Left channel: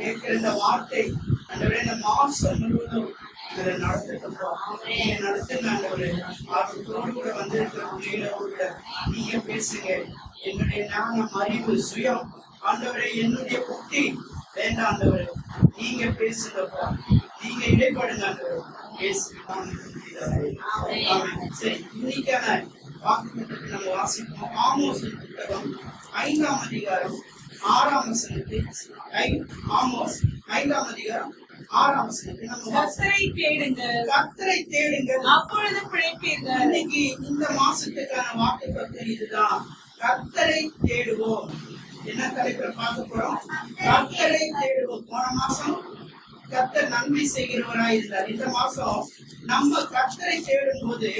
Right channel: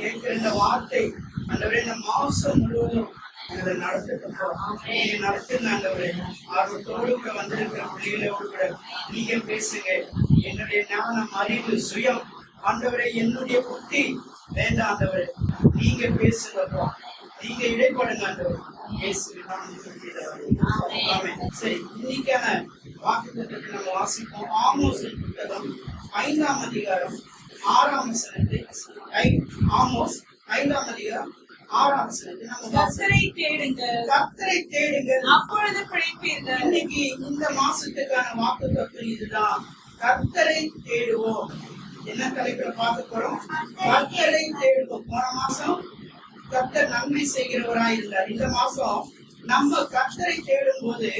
கேட்கிற இந்த வார்த்தை ஆண்டவரே இந்த மாசம் முழுவதும் அதை நடத்துட்டோம். நீங்க நடத்துங்க ஆண்டவரே. ஆர்வத்தோடு கூட வந்திருக்கிற பிள்ளைகளோடு கூட நீங்க பேசுங்க. என்னுடைய ஞானம், அறிவு, சுயம் ஆண்டவரே, என்னுடைய புத்தி வேண்டாம் ஆண்டவரே, நீங்க பேசுங்கப்பா. நீங்க இடைப்படுங்க ஆண்டவரே. சரி, இன்னைக்கான வாக்குத்தத்தத்தை நம்ம வாசிப்போம். ஆமோஸின் புத்தகம் 5ஆம் அதிகாரம் 6ஆம் வசனத்தை, ஆமோஸ் 5ஆம் அதிகாரம் 6ஆம் வசனத்தை நம்ம கர்த்தரை தேடுங்கள், கர்த்தரை தேடுங்கள், அப்பொழுது பிழைப்பீர்கள். இன்னைக்கு இந்த மாசத்துக்கான வாக்குத்தத்தம் இதுதான். கர்த்தரை தேடுவோம். என்ன தலைப்புல பார்க்க போறோம்? கர்த்தரை தேடுவோம். போன மாசம் கர்த்தர் நன்மை செய்கிறவராய் இருந்தார். இந்த மாசம் நம்ம கர்த்தரை தேடும் போது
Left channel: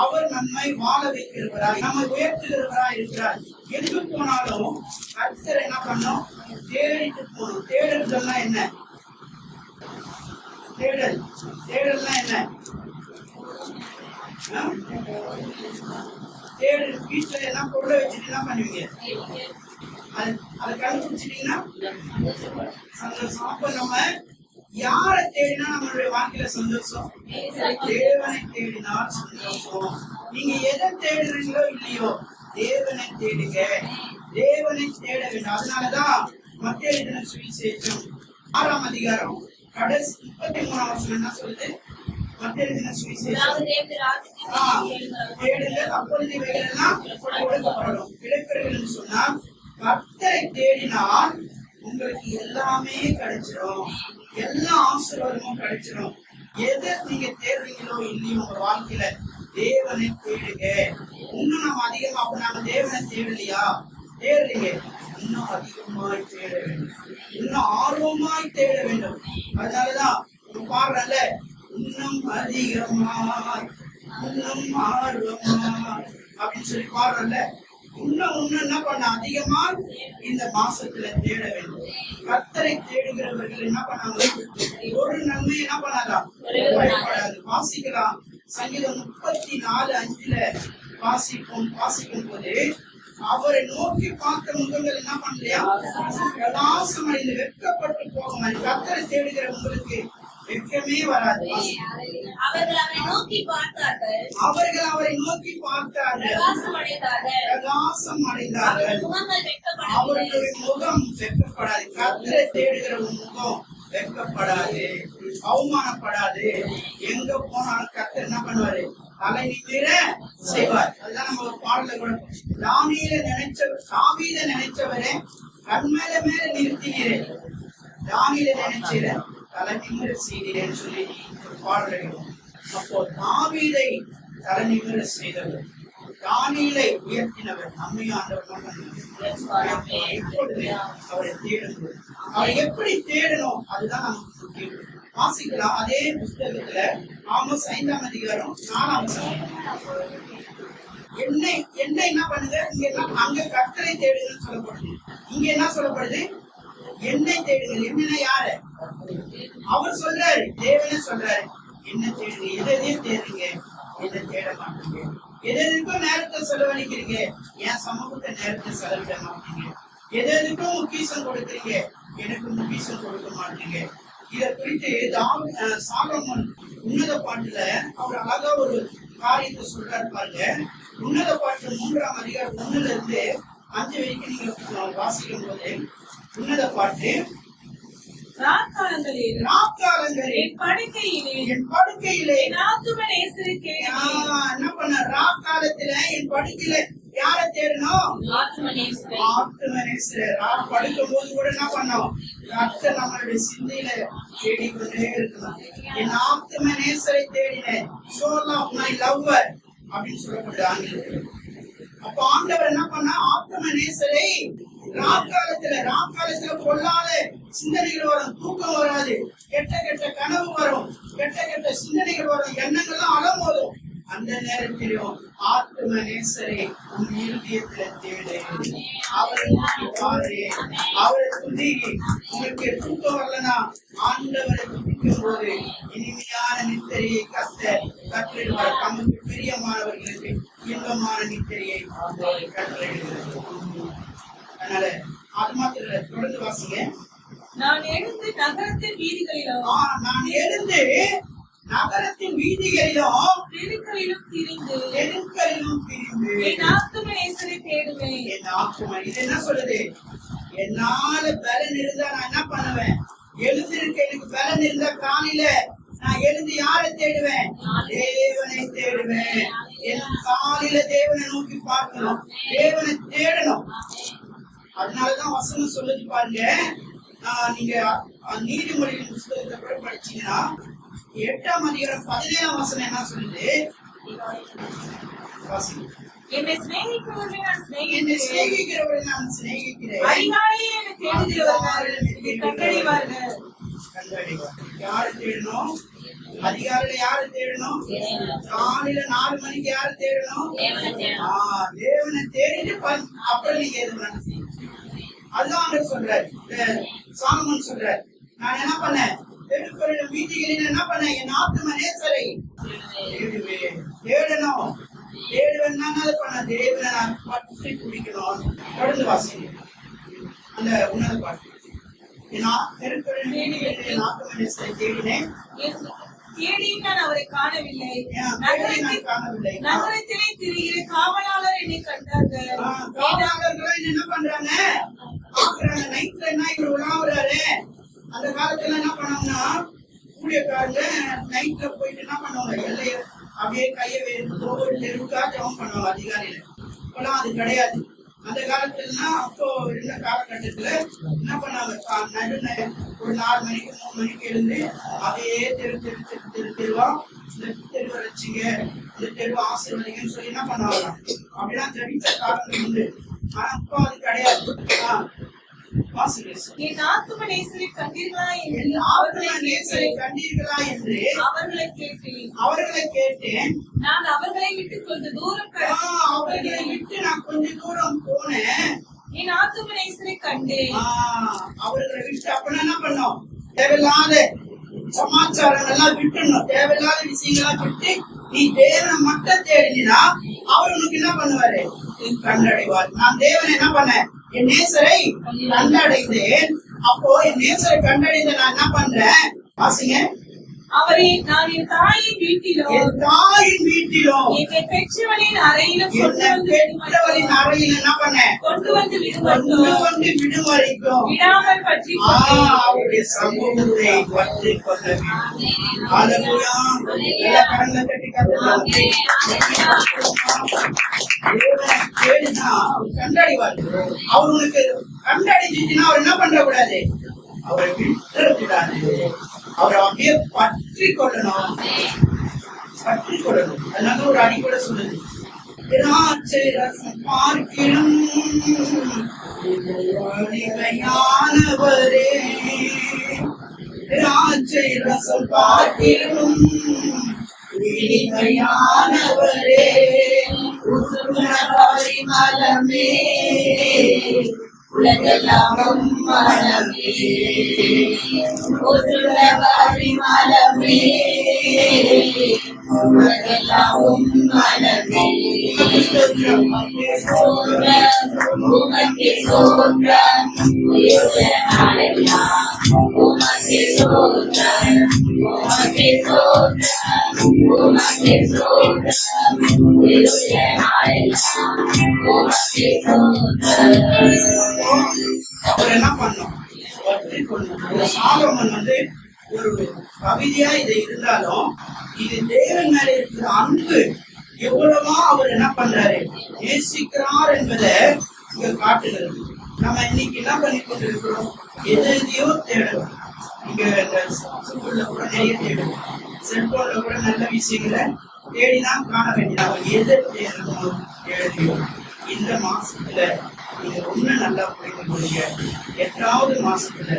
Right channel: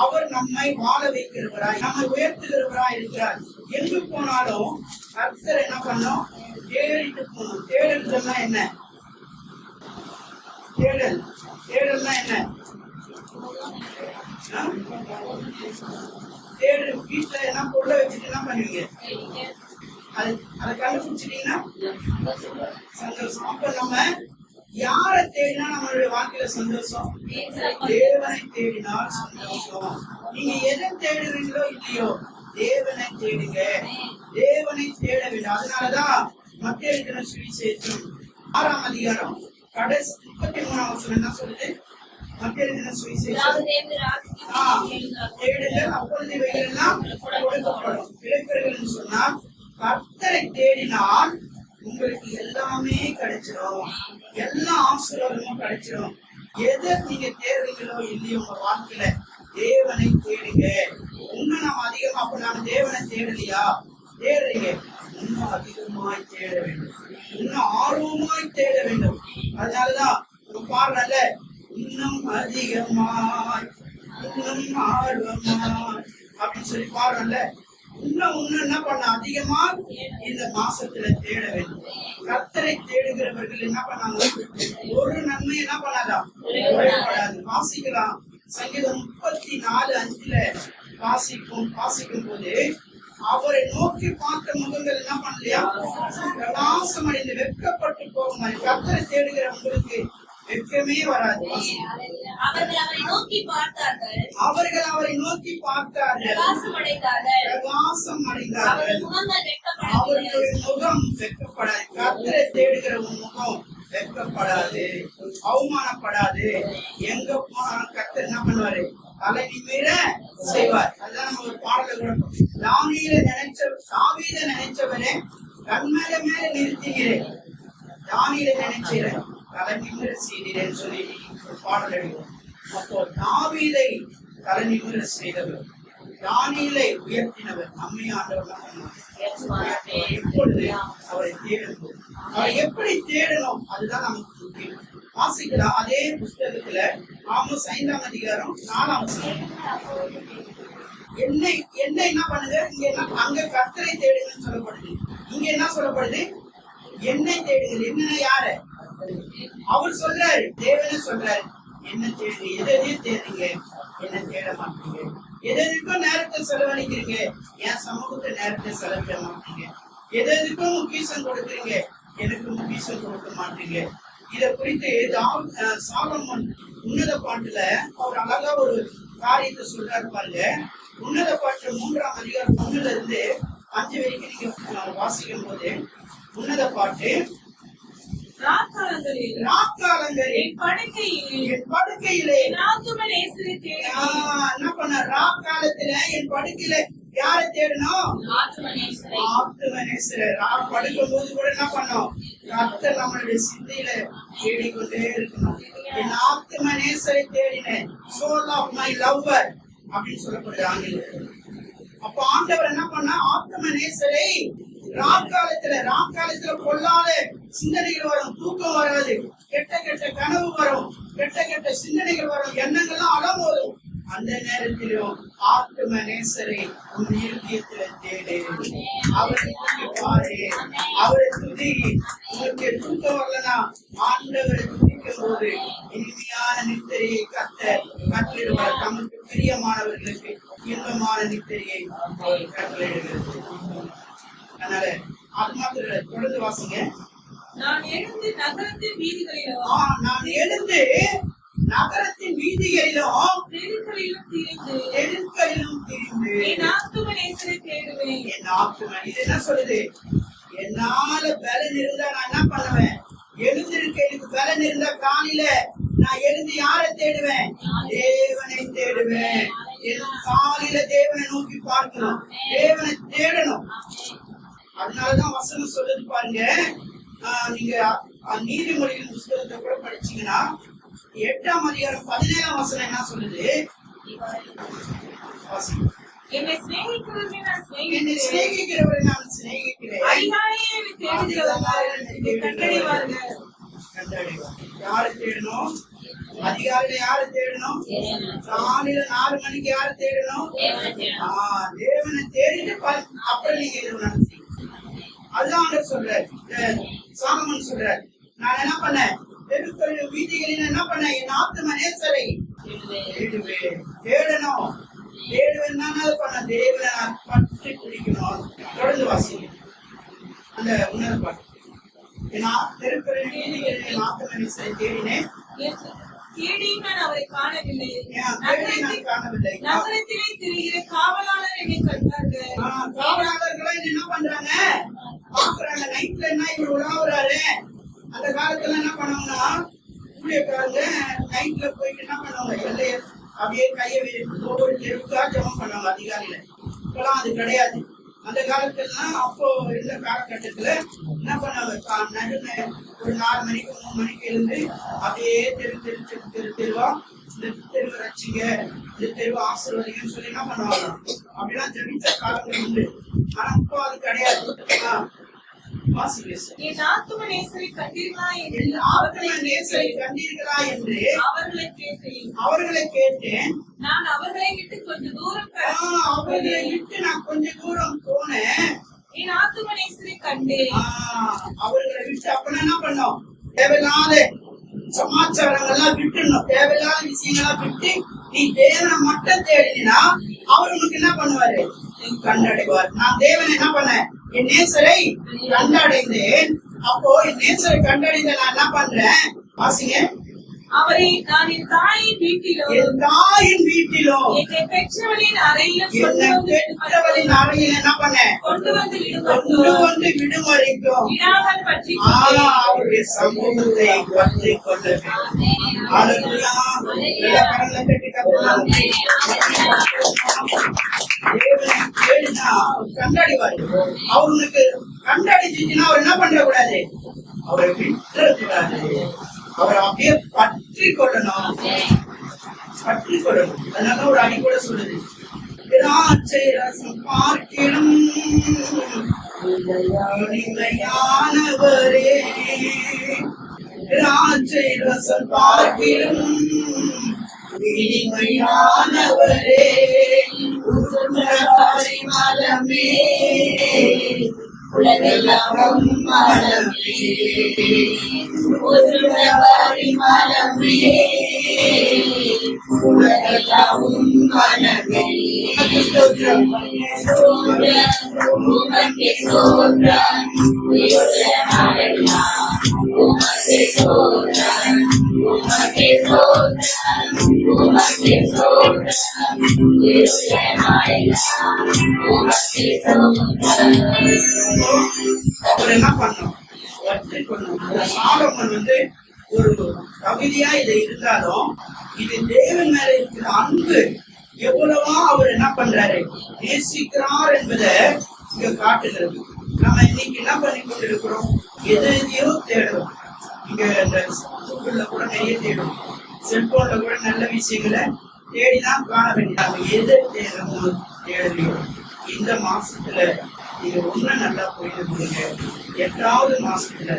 அவர் நம்மை வாழ வைக்கிறவராய், நம்மை உயர்த்துகிறவராய் இருக்கிறார். எங்கு போனாலும் கர்த்தர் என்ன பண்ணோம்? தேடிட்டு போகணும். தேடுறதுன்னா என்ன? தேடல்னா என்ன? தேடு. வீட்டுல என்ன பொருளை வச்சுட்டு என்ன பண்ணுவீங்க? அதை கண்டுபிடிச்சிட்டீங்கன்னா சந்தோஷம். அப்ப நம்ம யாரை தேடினா நம்மளுடைய வாழ்க்கையில சந்தோஷம்? தேவனை தேடினால் சந்தோஷம். நீங்க எதை தேடுறீங்களோ இல்லையோ தேவனை தேடுங்க. தேவனை தேட வேண்டும். அதனாலதான் மத்திய எழுதின சுவிசேஷம் 6ஆம் அதிகாரம் கடைசி 33ஆம் வசனம் என்ன சொல்லுது? மத்திய எழுதின சுவிசேஷம் தேடுங்கள், அப்பொழுது இவைகள் எல்லாம் கொடுக்கப்படும். பிழைப்பீர்கள் சொன்னால் கர்த்தரை தேடினால் உங்களுக்கு எல்லாமே கிடைச்சிடும். எல்லா ஆசீர்வாதமும் கிடைச்சிடும். எதை நீங்க தேடுறீங்களோ இல்லையோ உங்க வாழ்க்கையில தேவனை தேடுங்க. இன்னும் நம்ம அதிகமா, அப்ப நாம தேவனை தேடலையா? தேடுறீங்க, இன்னும் அதிகமாய் தேட வேண்டும், இன்னும் ஆர்வமாய் தேட வேண்டும். அதனாலதான் நம்ம பாடுறல, இன்னும் அதிகமாய், இன்னும் ஆர்வமாய் அப்படின்னு சொல்லி பாடுறோம்ல. இன்னும் என்ன பண்ண? அதிகமா இந்த மாசத்துல தேட வேண்டும். கர்த்தரை தேடுகிறவர்கள் என்ன பண்ணாங்க? ஒரு நன்மை என்ன பண்ணாதான் குறைபடாது. வாசிக்கலாம். சங்கீதம் 34:5 வாசிக்கும் போது அவரை நோக்கி பார்த்த முகங்கள் என்ன பண்ணலையா? பிரகாசம் அடைந்து வெட்கப்பட்டு போகும். கர்த்தரை தேடுகிற உங்களுக்கு வெட்கமே வராது. அவர்கள் அவரை நோக்கி பார்த்தார்கள், பிரகாசம் அடைந்தார்கள். அவர்களுடைய முகம் வெட்கப்படாது. கர்த்தரை தேடுகிற முகம் வெட்கப்படாது, அவமானப்படாது. எங்க போனாலும் கர்த்தர் என்ன பண்ணுவாரு? தலை நிமிர செய்வார். அதுதான் நம்ம ஒரு பாடல கூட, தாவீத நினைச்சவரே கண்மேல மேல நிறுத்தினீரே, தானியேலை நினைச்சீர தலை நிமிர செய்தீரேன்னு சொல்லி ஒரு பாடல் எழுதுவோம். அப்போ தாவீதை தலை நிமிர செய்தவர், தானியேலை உயர்த்தினவர், நம்மை ஆண்டவர் எப்பொழுது அவரை தேடும்போது. அவரை எப்படி தேடணும் அதுதான் நமக்கு முக்கியம். வாசிக்கலாம். அதே புஸ்தகத்துல ஆமோஸ் 5ஆம் அதிகாரம் 4ஆம் வசனம். என்ன என்ன பண்ணுங்க? இங்க என்ன? அங்க கர்த்தரை தேடுங்கன்னு சொல்லப்படுது. இங்க என்ன சொல்லப்படுது? என்னை தேடுங்கள். என்னன்னா யாரு? அவர் சொல்றாரு, தேவனே சொல்றாரு, என்ன தேடுங்க. எதையும் தேடுறீங்க, என்ன தேட மாட்டீங்க. எதுக்கும் நேரத்தை செலவழிக்கிறீங்க, என் சமூகத்தை நேரத்தை செலவிட மாட்டீங்க. எதுக்கும் முக்கியத்துவம் கொடுக்குறீங்க, எனக்கு முக்கியத்துவம் கொடுக்க மாட்டீங்க. இத குறித்து சாலமோன் உன்னத பாட்டுல அவர் அழகா ஒரு காரியத்தை சொல்றாரு பாருங்க. உன்னத பாட்டு 3ஆம் அதிகாரம் 1-5 வரைக்கும் நீங்க வாசிக்கும் போது, உன்னத பாட்டு ராக்காலங்களில் என் படுக்கையிலே என்ன பண்ண? ராக்காலத்துல என் படுக்கையில யாரை தேடணும்? படுக்கும் போது கூட என்ன பண்ணோம்? கர்த்தர் நம்மளுடைய சிந்தையில தேடிக்கொண்டே இருக்கணும். என் ஆத்தும நேசரை தேடினேன், சோல் ஆஃப் மை லவ்வர் அப்படின்னு சொல்லப்படுது ஆங்கிலத்தில். அப்ப ஆண்டவர் என்ன பண்ணா? ஆத்தும நேசரை ராக்காலத்துல பொல்லாத சிந்தனைகள் வரும், தூக்கம் வராது, கெட்ட கனவு வரும், கெட்ட சிந்தனைகள் வரும், எண்ணங்கள்லாம் அலமோதும். அந்த நேரத்திலும் ஆத்தும நேசரை உன் இருதயத்துல தேடு, அவரை நோக்கி பாரு, அவரை துதி. உங்களுக்கு தூக்கம் வரலன்னா ஆண்டவரை துதிக்கும் போது இனிமையான நித்திரையை கட்டளிடுவார். தமக்கு பிரியமானவர்களுக்கு இன்பமான நித்திரையை கட்டளிடுகிறது. அதனால அது மாத்திர தொடர்ந்து வாசிங்க. நான் எழுந்து நகரத்தின் வீதிகளிலும் நான் எழுந்து நகரத்தின் வீதிகளிலும் தெருக்களிலும் திரிந்து என் ஆத்தும நேசரை தேடுவேன். என் ஆத்தும இது என்ன சொல்லுது? என்னால பலன் இருந்தா நான் என்ன பண்ணுவேன்? எழுந்திருக்க எனக்கு பலன் இருந்தா காலையில நான் எழுந்து யாரை தேடுவேன்? தேவனை தேடுவேன். என் காலையில தேவனை நோக்கி பார்க்கணும், தேவனை தேடணும். அதனாலதான் வசனம் சொல்லுது பாருங்க. நீங்க நீதிமொழிகள் புத்தகத்தை கூட படிச்சீங்கன்னா 8ஆம் அதிகாரம் 17ஆம் வசனம் என்ன சொல்லுது? என்னை சிநேகிக்கிறவரை நான் சிநேகிக்கிறேன். அதிகாலையில் என்னை தேடுகிறவர்கள் கண்டடைவார்கள். யாரு தேடணும்? அதிகாலையில யாரு தேடணும்? காலையில 4 மணிக்கு யாரு தேடணும்? தேவனை தேடிட்டு அப்புறம் நீங்க எது நடத்தி. அதுதான் ஆண்டவர் சொல்றாரு, சாலமோன் சொல்றாரு. நான் என்ன பண்ணேன்? தெருக்களிலும் வீதிகளில் என்ன பண்ணேன்? என் ஆத்தும நேசரை தேடுவேன். தேடணும், தேடுவேன். அதை பண்ண தேவனை நான் பற்றி குடிக்கணும். தொடர்ந்து வாசிங்க அந்த உன்னத பாட்டு. தெருக்களில் வீதிகளில் என் ஆத்தும நேசரை தேடினேன், தேடியும் நான் அவரை காணவில்லை. நகரத்திலே திரிகிற காவலாளர் என்னை கண்டார்கள். காவலாளர்கள் என்ன பண்றாங்க? பாக்குறாங்க. நைட்ல என்ன இவர் உலாவுறாரு? அந்த காலத்துல என்ன பண்ணாங்கன்னா ஊழியக்காரங்க நைட்ல போயிட்டு என்ன பண்ணுவாங்க? எல்லைய அப்படியே கையை ஒவ்வொரு தெருவுக்கா ஜெபம் பண்ணுவாங்க அதிகாலையில. இப்பெல்லாம் அது கிடையாது. அந்த காலத்துல அப்போ இருந்த காலகட்டத்துல என்ன பண்ணாங்க? ஒரு 4 மணிக்கு 3 மணிக்கு எழுந்து அதே தெருவா இந்த தெருவை ரசிங்க, இந்த தெருவை ஆசீர்வதிங்கன்னு சொல்லி என்ன பண்ணுவாங்க? அப்படிலாம் ஜெபிச்ச காலங்கள் உண்டு. ஆனா இப்போ அது கிடையாது. என் ஆத்தும நேசரை கண்டீர்களா என்று அவர்களை கேட்டேன். நான் அவர்களை விட்டு கொஞ்சம் தூரம் போனேன். என் ஆத்தும நேசரை கண்டேன். அவர்களை விட்டு அப்ப என்ன பண்ணோம்? தேவையில்லாத சமாச்சாரங்கள்லாம் விட்டுணும், தேவையில்லாத விஷயங்கள்லாம் விட்டு நீ தேவனை மட்டும் தேடினா அவர் உனக்கு என்ன பண்ணுவாரு? கண்டடைவார். நான் தேவனை என்ன பண்ணேன்? என் நேசரை கண்டடைந்தேன். அப்போ என் நேசரை கண்டடைந்த நான் என்ன பண்றேன்? வாசிங்க. அவரை நான் என் தாயின் வீட்டிலும் என்னை பெற்றவளின் அறையில் என்ன பண்ணேன்? கொண்டு வந்து விடும் வரைக்கும் அவருடைய சமூகத்தை பற்றி கொள்ள வேண்டும். ஹல்லேலூயா. எல்லா கரங்களை தட்டி கர்த்தர் தேவனை தேடினா கண்டடைவார். அவர் உனக்கு கண்டடைஞ்சிச்சுன்னா அவர் என்ன பண்ண கூடாது? அவரை விட்டுறக்கூடாது. அவரை அப்படியே பற்றி கொள்ளணும். அதனால ஒரு அடி கூட சொல்லுது, திராட்சை ரசம் பார்க்கிலும் இனிமையானவரே, திராட்சை ரசம் பார்க்கிலும் இனிமையானவரே, பரிமளமே உலகெல்லாம் மனமே, பரிமளமே உலகெல்லாம் மனமே. அவர் என்ன பண்ணோம்? சாலமோன் ஒரு கவிதையா இது இருந்தாலும் இது தேவன் மேல இருக்கிற அன்பு எவ்வளவா அவர் என்ன பண்றாரு, நேசிக்கிறார் என்பதை இங்க காட்டுகிறது. நம்ம இன்னைக்கு என்ன பண்ணி கொண்டிருக்கிறோம்? எதையோ தேடுறோம். இங்க ஸ்கூல்ல கூட நிறைய தேடும், செல்போன்ல கூட நல்ல விஷயங்களை தேடிதான் காண வேண்டியது. எதை தேடுறோமோ தேடுறோம். இந்த மாசத்துல நீங்க ஒண்ணு நல்லா புரிந்து கொள்ளுங்க. 8வது மாசத்துல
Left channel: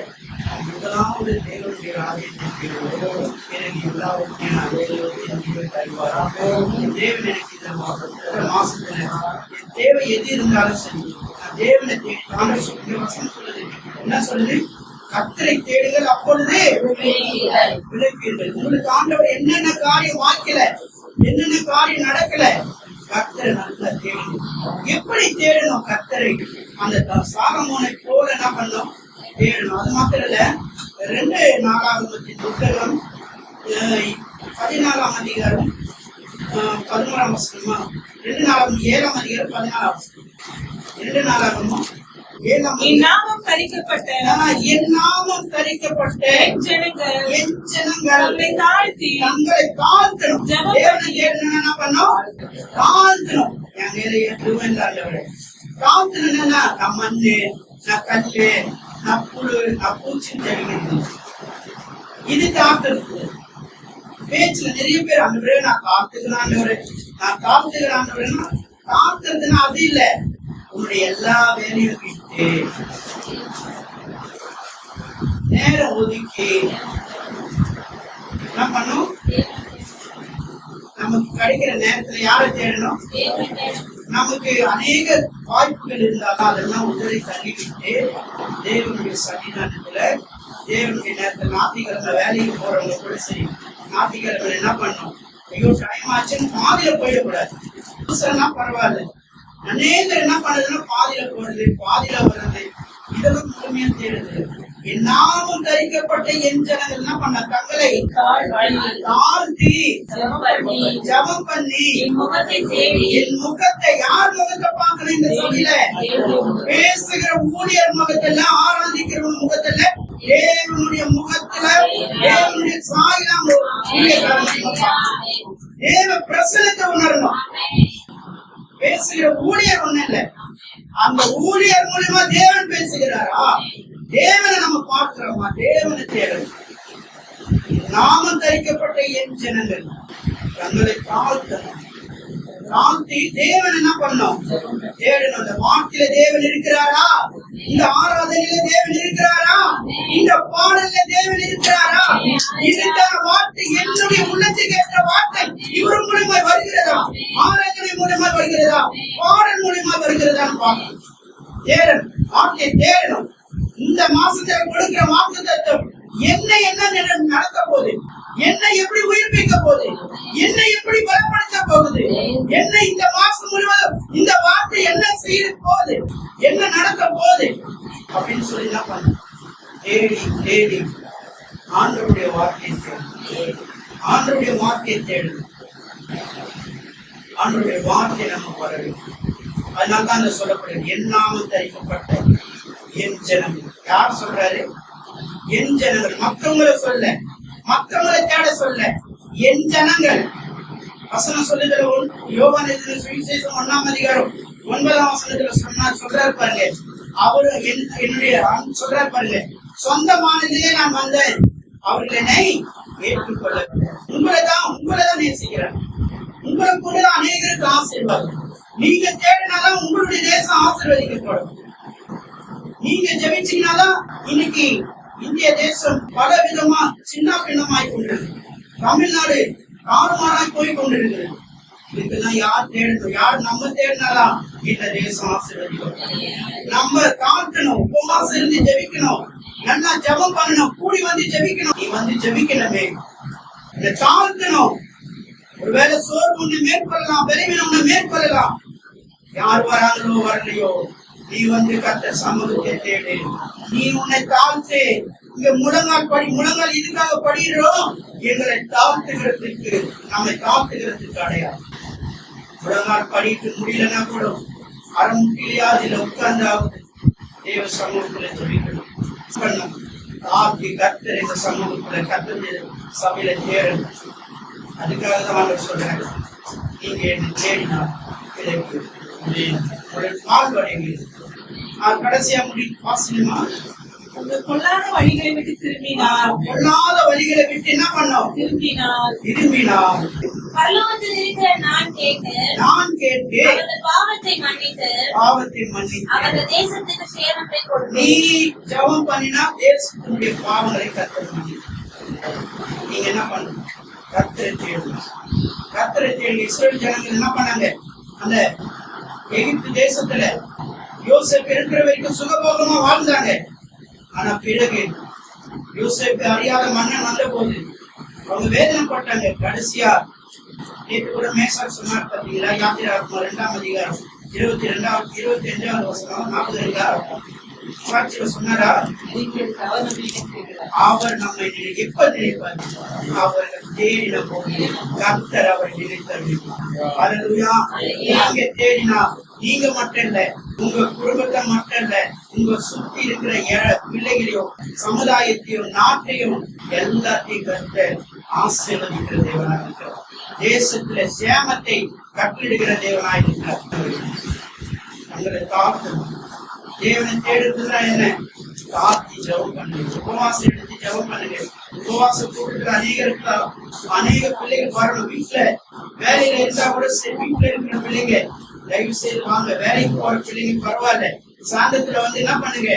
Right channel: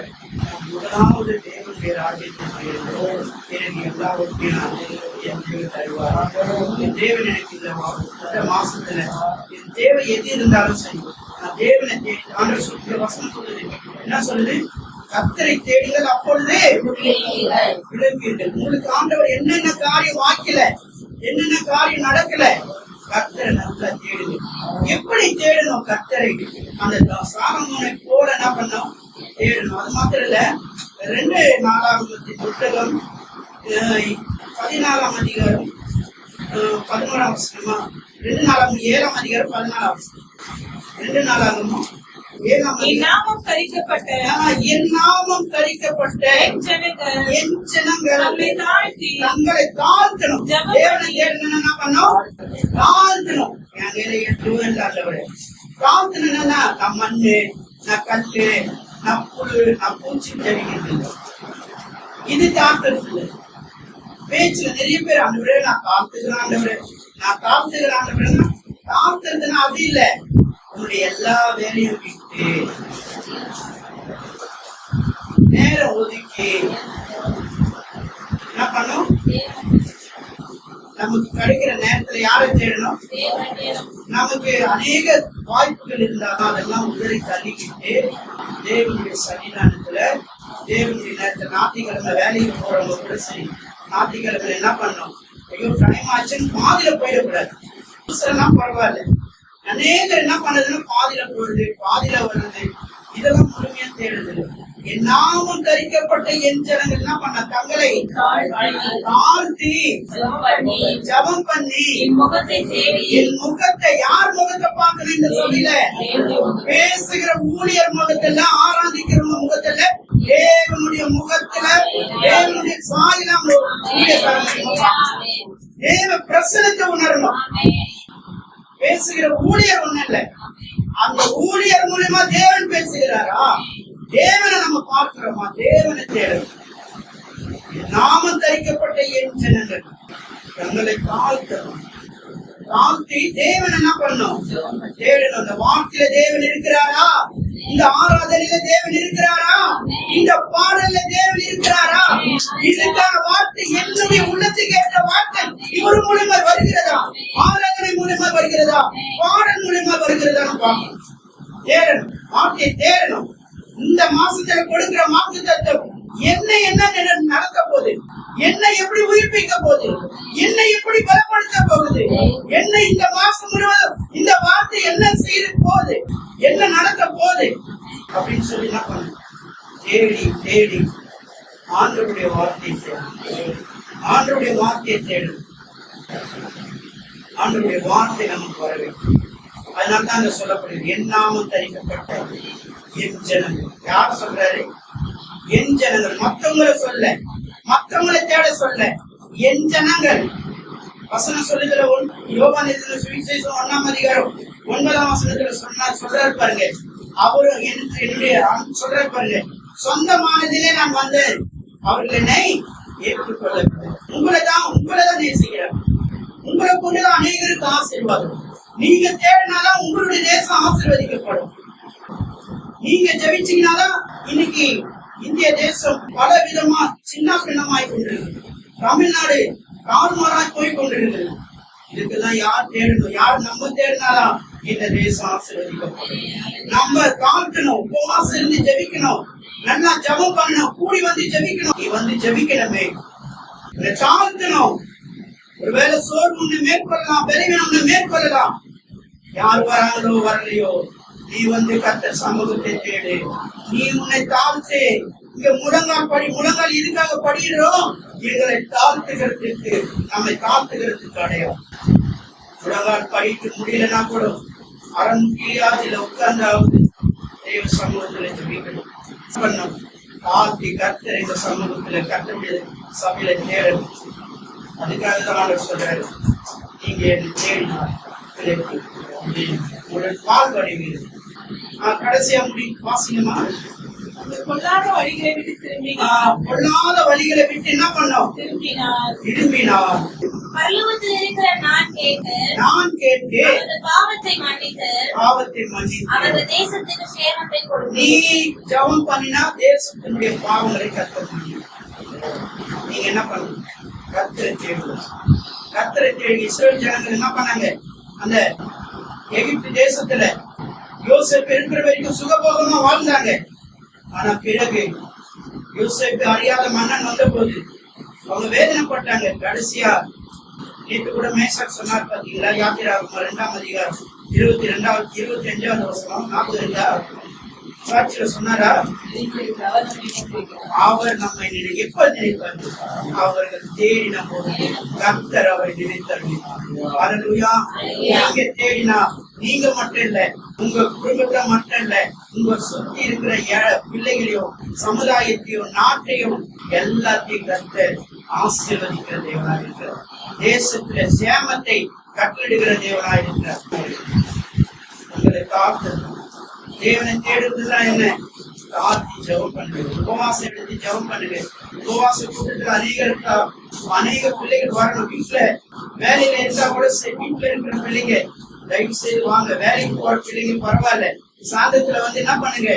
முதலாவது தேவனுடைய ராஜ்யத்தை தேடுவோம். பிறகு எல்லாவற்றையும் என் தேவன் தருவார். என் தேவன் எனக்கு இந்த மாசத்துல என் தேவை எது இருந்தாலும் சரி, நான் தேவனை தேடி ஆண்டவர் சொல்லுங்க. வசனம் சொல்லுது, என்ன சொல்லுது? கர்த்தரை தேடுங்கள், அப்பொழுது விடுவீர்கள். உங்களுக்கு ஆண்டவர் என்னென்ன காரியம் வாய்க்கல, என்னென்ன காரியம் நடக்கல, கர்த்தரை நல்லா தேடுங்க. எப்படி தேடணும் கர்த்தரை? அந்த சாலமோனை போல என்ன பண்ணோம்? தேடணும். அது மாத்திரம் இல்ல, 2 நாளாகமத்தின் புத்தகம் 14ஆம் அதிகாரம் 11ஆம் வசனமா, 2 நாளாகமம் 7ஆம் அதிகாரம் 14ஆம் வசனம். 2 நாளாகமம் 7ஆம் என் நாமம் தரிக்கப்பட்ட என் நாமம் தரிக்கப்பட்ட என் ஜனங்கள் என் ஜனங்கள் தங்களை தாழ்த்தணும். தேவனை தேடணும்னா என்ன பண்ணும்? தாழ்த்தணும். என் வேலையை தாழ்த்தணும்னா நான் மண்ணு, நான் கல்லு, நான் புழு, நான் பூச்சி தெரிகிறது. இது தாழ்த்துறது. பேச்சுல நிறைய பேர் ஆண்டவரே நான் தாழ்த்துக்கிறேன், ஆண்டவரே நான் தாழ்த்துக்கிறேன், ஆண்டவரேன்னா தாழ்த்துறதுன்னா அது இல்ல. உன்னுடைய எல்லா வேலையும் விட்டு நேரம் ஒதுக்கி என்ன பண்ணும்? நமக்கு கிடைக்கிற நேரத்துல யாரை தேடணும்? நமக்கு அநேக வாய்ப்புகள் இருந்தாலும் அதெல்லாம் உதறி தள்ளிவிட்டு தேவனுடைய சன்னிதானத்துல தேவனுடைய நேரத்துல ஞாயிற்றுக்கிழமை வேலைக்கு போறவங்க கூட சரி, ஞாயிற்றுக்கிழமை என்ன பண்ணும்? ஐயோ டைம் ஆச்சுன்னு பாதியில போயிடக்கூடாது. பரவாயில்ல. அநேகர் என்ன பண்ணதுன்னா பாதியில போறது, பாதியில வர்றது, இதெல்லாம் முழுமையா தேடுது. என் நாமம் தரிக்கப்பட்ட என் ஜனங்கள் என்ன பண்ண? தங்களை தாழ்த்தி ஜபம் பண்ணி என் முகத்தை, யார் முகத்தை பார்க்கணும்? இந்த சபையில பேசுகிற ஊழியர் முகத்துல, ஆராதிக்கிறவங்க முகத்துல, தேவனுடைய முகத்துல, தேவனுடைய சாயிலாம் தேவ பிரசனத்தை உணரணும். பேசுகிற ஊழியர் ஒண்ணு இல்ல, அந்த ஊழியர் மூலியமா தேவன் பேசுகிறாரா? தேவனை நம்ம பார்க்கிறோமா? தேவனை தேடணும். நாமம் தரிக்கப்பட்ட என் ஜனங்கள் தங்களை தாழ்த்தணும். தாழ்த்தி தேவன் என்ன பண்ணும்? தேடணும். இந்த வார்த்தையில தேவன் இருக்கிறாரா? இந்த ஆராதனையில தேவன் இருக்கிறாரா? இந்த பாடல்ல தேவன் இருக்கிறாரா? இதுக்கான வார்த்தை என்னுடைய உள்ளத்துக்கு ஏற்ற வார்த்தை இவரு மூலமா வருகிறதா? ஆராதனை மூலமா வருகிறதா? பாடல் மூலமா வருகிறதான்னு பார்க்கணும். தேடணும். வார்த்தையை தேடணும். இந்த மாசத்துல கொடுக்கிற வாக்கு தத்துவம் என்ன நடத்த போகுது? என்ன எப்படி உயிர்ப்பிக்க போகுது? என்ன எப்படி பலப்படுத்த போகுது? என்ன இந்த மாசம் முழுவதும் இந்த வார்த்தை என்ன செய்ய போகுது? என்ன நடத்த போகுது அப்படின்னு சொல்லி என்ன பண்ண? தேடி தேடி ஆண்டவருடைய வார்த்தையை தேடும். ஆண்டவருடைய வார்த்தையை தேடும். ஆண்டவருடைய வார்த்தை நமக்கு வர வேண்டும். அதனால தான் அந்த சொல்லப்படுது, என் நாமம் தரிக்கப்பட்ட என் ஜனங்கள். யார் சொல்றாரு? என் ஜனங்கள். மற்றவங்களை சொல்ல, மற்றவங்களை தேட சொல்ல, என் ஜனங்கள். வசனம் சொல்லுகிற யோவான் எழுதின சுவிசேஷம் 1ஆம் அதிகாரம் 9ஆம் வசனத்துல சொல்றாரு பாருங்க. அவரு என்னுடைய சொல்றாரு பாருங்க, சொந்தமானதிலே நான் வந்தேன், அவர்கள் என்னை ஏற்றுக்கொள்ளவில்லை. உங்களை தான் நேசிக்கிறேன். உங்களை கொண்டுதான் அநேகருக்கு ஆசீர்வாதம். நீங்க தேடினாதான் உங்களுடைய தேசம் ஆசீர்வதிக்கப்படும். நீங்க ஜெபிச்சீங்கனாதான் இன்னைக்கு இந்திய தேசம் பல விதமா சின்ன பின்னமாய் கொண்டிருக்கு. தமிழ்நாடு தாறுமாறாய் போய் கொண்டிருக்கிறது. இதுக்கெல்லாம் யார் தேடணும்? யார் நம்ம தேடினாதான் இந்த தேசம் ஆசீர்வதிக்கப்படும். நம்ம தாழ்த்தணும், உபவாசம் இருந்து ஜெபிக்கணும், நல்லா ஜெபம் பண்ணணும், கூடி வந்து ஜெபிக்கணும். நீ வந்து ஜெபிக்கணுமே, தாழ்த்தணும். ஒருவேளை சோர்வு ஒண்ணு மேற்கொள்ளலாம், பெருவின ஒண்ணு மேற்கொள்ளலாம். யார் வராங்களோ வரலையோ, நீ வந்து கர்த்தர் சமூகத்தை தேடு. நீ உன்னை தாழ்த்து. இங்க முழங்கால் இதுக்காக படிக்கிறோம், எங்களை தாழ்த்துகிறதுக்கு, நம்மை தாழ்த்துகிறதுக்கு அடையாளம். முழங்கால் படிட்டு முடியலன்னா கூட அறமுட்டியாவது இல்ல உட்கார்ந்தாவது தேவ சமூகத்துல ஜெபிக்கணும். பண்ணணும். தாழ்த்தி கர்த்தர் இந்த சமூகத்துல, கர்த்தருடைய சபையில தேடணும். அதுக்காக தான் ஆண்டவர் சொல்றாரு, நீங்க என்னை தேடினார் கிடைக்கு பால் வடைகிறது. கடைசியா முடி வாசினமா, பொல்லாத வழிகளை விட்டு திரும்பினார். பொல்லாத வழிகளை விட்டு என்ன பண்ணோம்? திரும்பினார். பரலோகத்தில் இருக்கிற நான் கேட்டு பாவத்தை மன்னித்து அவரது தேசத்துக்கு சேமத்தை கொடுத்து. நீ ஜெபம் பண்ணினா தேசத்தினுடைய பாவங்களை கர்த்தர் மன்னிப்பார். நீங்க என்ன பண்ணணும்? கர்த்தரை தேடணும். கர்த்தரை தேடி இஸ்ரவேல் ஜனங்கள் என்ன பண்ணாங்க? அந்த எகிப்து தேசத்துல யோசேப்பு இருக்கிற வரைக்கும் சுகபோகமா வாழ்ந்தாங்க. ஆனா பிறகு யோசேப்பு அறியாத மன்னன் வந்த போது அவங்க வேதனைப்பட்டாங்க. கடைசியா நேற்று கூட மேஷாக் சொன்னார் பாத்தீங்களா? யாத்திராகமம் 2ஆம் அதிகாரம் 25வது வசனம் 42. சாட்சியில சொன்னாரா? அவர் நம்மை எப்ப நினைப்பார்? அவர்கள் தேடின போது கர்த்தர் அவரை நினைத்தருளினார். அல்லேலூயா. நீங்க தேடினா நீங்க மட்டும் இல்ல, உங்க குடும்பத்தை மட்டும் இல்ல, உங்க சுத்தி இருக்கிற பிள்ளைகளையும் சமுதாயத்தையும் நாட்டையும் எல்லாத்தையும் கர்த்தர் ஆசீர்வதிக்கிற தேவனாக இருக்கிறார். தேசத்துல சேமத்தை கட்டளிடுகிற தேவனாக இருக்கிறார். உங்களை தாழ்த்து தேவனை தேடுறதுதான் என்ன? தாழ்த்தி ஜெபம் பண்ணுங்க, உபவாசம் எடுத்து ஜெபம் பண்ணுங்க. உபவாச கூட்டத்துல அநேக பிள்ளைகள் வரணும். வீட்டுல வேலையில இருந்தா கூட வீட்டுல இருக்கிற பிள்ளைங்க தயவு செய்து வாங்க. வேலைக்கு போற பிள்ளைங்க பரவாயில்ல, சாயந்தரத்துல வந்து என்ன பண்ணுங்க?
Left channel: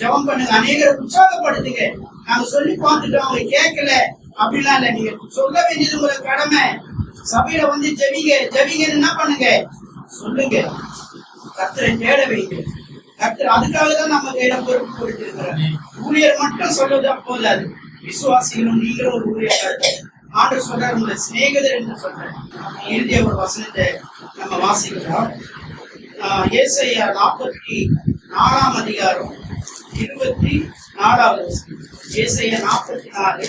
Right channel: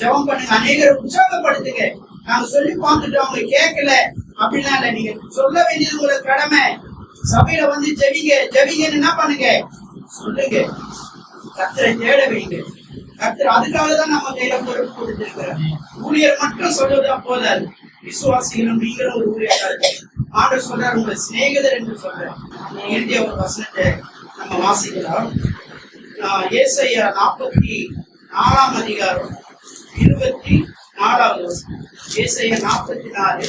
ஜெபம் பண்ணுங்க. அநேகரை உற்சாகப்படுத்துங்க. நாங்க சொல்லி பார்த்துட்டோம், அவங்க கேட்கல அப்படிலாம் இல்ல. நீங்க சொல்ல வேண்டியது உங்களுக்கு கடமை. சபையில வந்து ஜெபிங்கன்னு என்ன பண்ணுங்க? சொல்லுங்க. கர்த்தரை தேட வைங்க. கர்த்தர் அதுக்காக தான் நம்ம கையில பொறுப்பு கொடுத்திருக்கிறார். ஊழியர் மட்டும் சொல்றதுதான் போதாது, விசுவாசிகளும் நீங்களும் ஒரு ஊழியர். ஆண்டவர் சொல்றாரு, உங்களை சிநேகிதர் என்று சொல்றேன். இறுதிய ஒரு வசனத்தை நம்ம வாசிக்கலாம். ஏசாயா 44 அதிகாரம் 24வது வசனம். ஏசாயா 44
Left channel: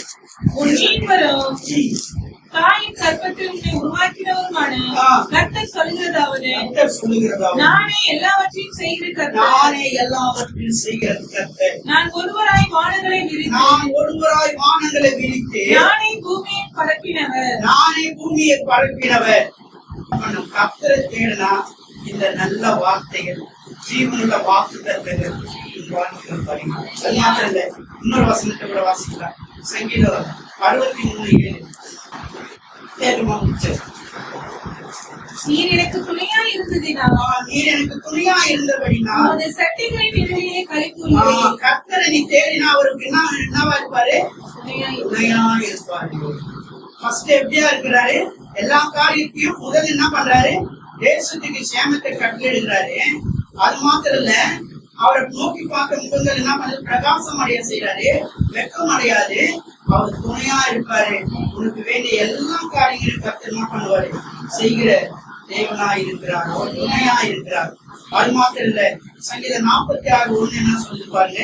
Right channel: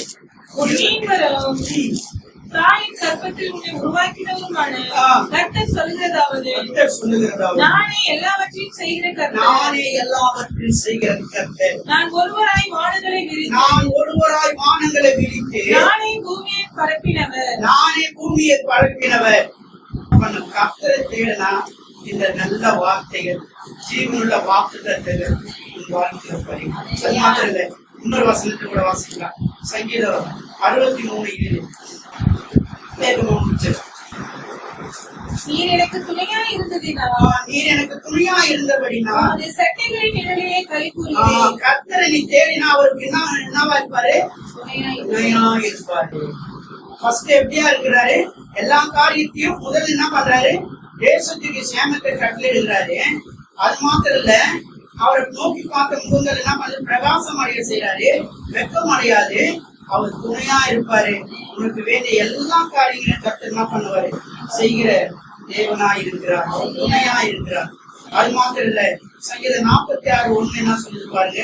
தாயின் கர்ப்பத்தில் உன்னை உருவாக்கினவருமான கர்த்தர் சொல்லுகிறதாவது, நானே எல்லாவற்றையும் செய்கிற கர்த்தர். நான் ஒருவராய் வானங்களை விரித்து நானே பூமியை பரப்பினவர். கர்த்தரை தேடினா இந்த நல்ல வார்த்தைகள், ஜீவனுள்ள வாக்குத்தத்தங்கள் வாழ்க்கையில் படிக்கும். அது மாத்திரம் இல்ல, இன்னொரு வசனத்தை கூட வாசிக்கலாம். சங்கீதம் 63:7. நீர் எனக்கு துணையா இருந்தபடினால் சட்டைகளின் நிழலிலே களிகூறுவேன். கர்த்தரை நீ தேடினா அவருக்கு என்னவா இருப்பாரு? துணையா இருப்பாரு. ஃபர்ஸ்ட் எப்படியா இருக்கிறாரு? எல்லா காரியத்தையும் முதல் என்ன பண்றாரு? தேசத்துக்கு சேமத்தை கட்டளையிடுகிறாரு. அது மாத்திரம் இல்ல, அவரை நோக்கி பார்க்க முகங்கள் என்ன பண்றது? பிரகாசம் அடைய செய்யறாரு. வெக்கம் அடையாது. அவர் துணையா இருப்பாரு. உனக்கு வேண்டிய எல்லா காரியங்களையும் கர்த்தர் என்ன பண்ணுவாரு? செய்கிற தேவனா இருக்கிறார். அவர் துணையா இருக்கிறார். அது மாத்திரம் இல்ல, சங்கீதம் 46:1 என்ன சொல்லுது பாருங்க.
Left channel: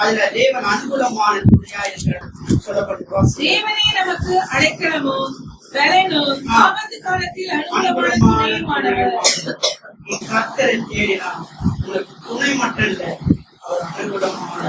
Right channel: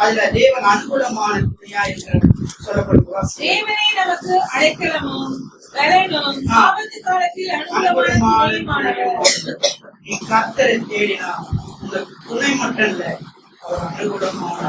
அதுல தேவன் அனுகூலமான துணையா இருக்கிறார் சொல்லப்படுவார். தேவனே நமக்கு அடைக்கலமும் பலனும், ஆபத்து காலத்தில் அனுகூலமான. நீ கர்த்தரை தேடினா உங்களுக்கு துணை மட்டும் இல்ல, அவர் அனுகூலமான